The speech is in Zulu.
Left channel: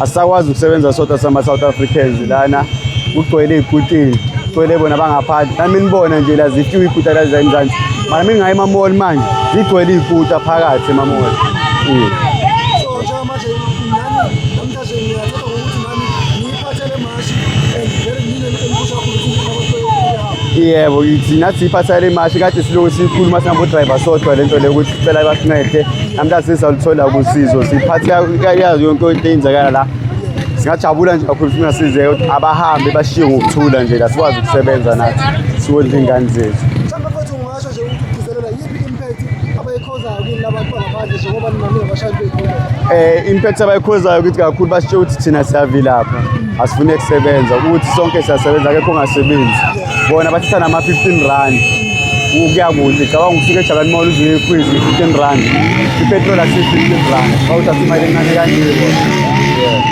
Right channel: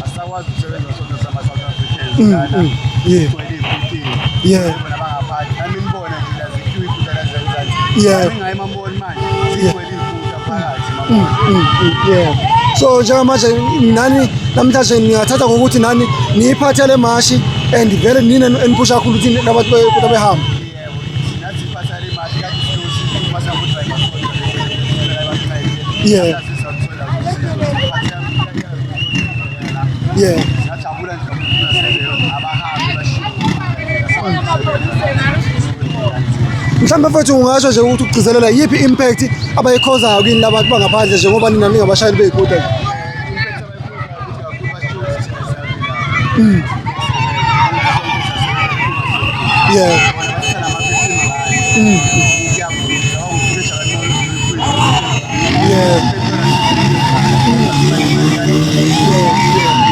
asakwazi ukusebenza sodwa sama-South Africans lana kugcwele iy'kutini kugcwele bona bangaphandle nami nibona nje la zifika iy'kuta la zaMzansi mami ngaye emamoli manje zigcwele iy'kuta phakathi emamoli. So njengamanje nani namhlanje niyathatha ngokuthi nani niyiphathele mashi and vele nini eniphusha kakhulu ukuthi nabantu behamba. Yebo nathi siyiphathele mashi kade silokhu sikhuluma singabo-driver sodwa lento le ukuthi sicela basincede namhlanje sizalithola usizo siphathe yazi yonke into eyenzakala la. Singajabula nje kakhulu singasize abahambi bashiye ngokuthula nje la sikwazi ukusebenza nathi siwenze ingane zethu. Mhlawumbe mfethu ungasho nje ukuthi ukugcizelela yiphi impact abayikhozayo kini labantu bangaphandle njengoba nina ningabashayeli bey'kota? Impact abayikhozayo ukuthi kakhulu basitsho ukuthi thina siyavilapha asifune ukusebenza ukuthi sonke siyasebenza akekho ongasebenzi bona bathatha nama-15 rand kuya kude cabanga ufike eJabulani Mall uzuye eFreeze 15 rand ipetrol asi-15 rand bawuthi asimali encane kanjalo.